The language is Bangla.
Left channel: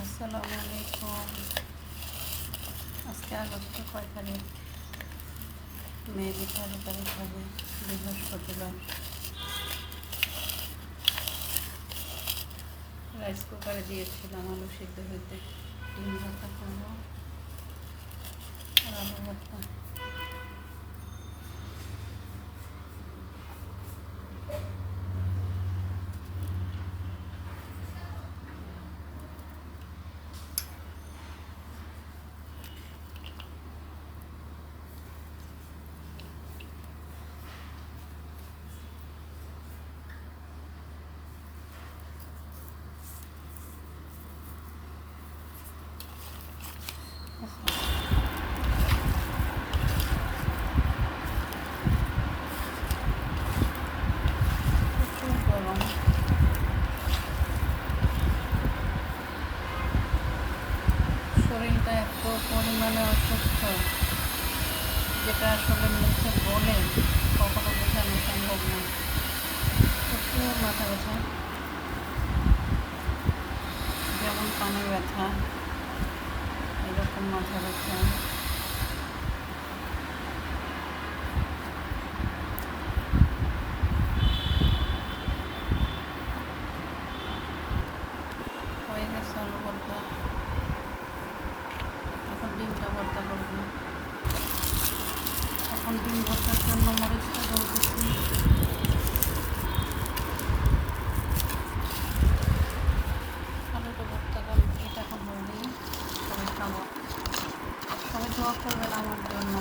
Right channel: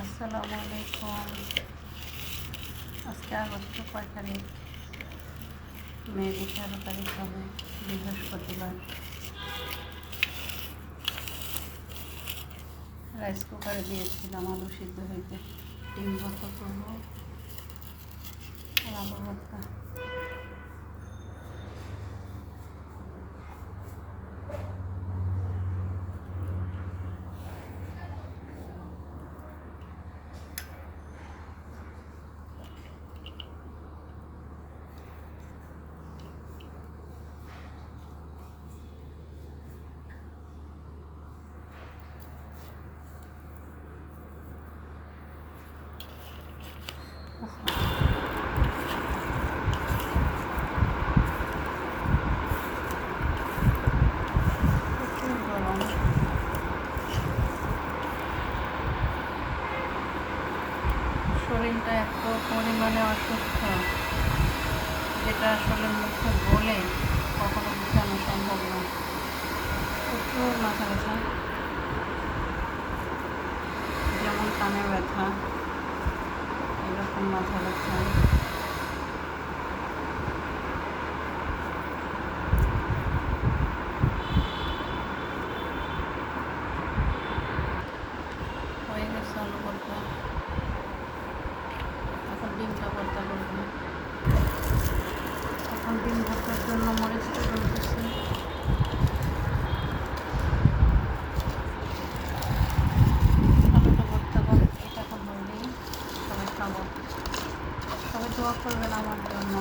আসসালামু আলাইকুম। আজকে আগস্ট কয় তারিখ? মেবি 13 তারিখ হবে, বৃহস্পতিবার। রাইস কুকারে দিয়েছিলাম আলু সিদ্ধ হইতে। ডিম ভর্তা করবো আর আলু ভর্তা। প্রচুর গরম। শরীরটা এত পরিমাণে অসুস্থ, যেটা আসলে মুখে বলে কখনো বোঝানো সম্ভব না। প্রচুর মাথা ব্যথা, যেমন কানে ব্যথা, এরকম মাথা ব্যথা। হয়ে গেছে আলু ভর্তা, এখন ডিমটা ভর্তা করবো। এখন ডিম ভর্তার জন্য মরিচটা ধরতেছি। আলুটা ভর্তা কমপ্লিট, এখন হলেই সবাই খাবো। সবাই দোয়া করবেন আমার জন্য।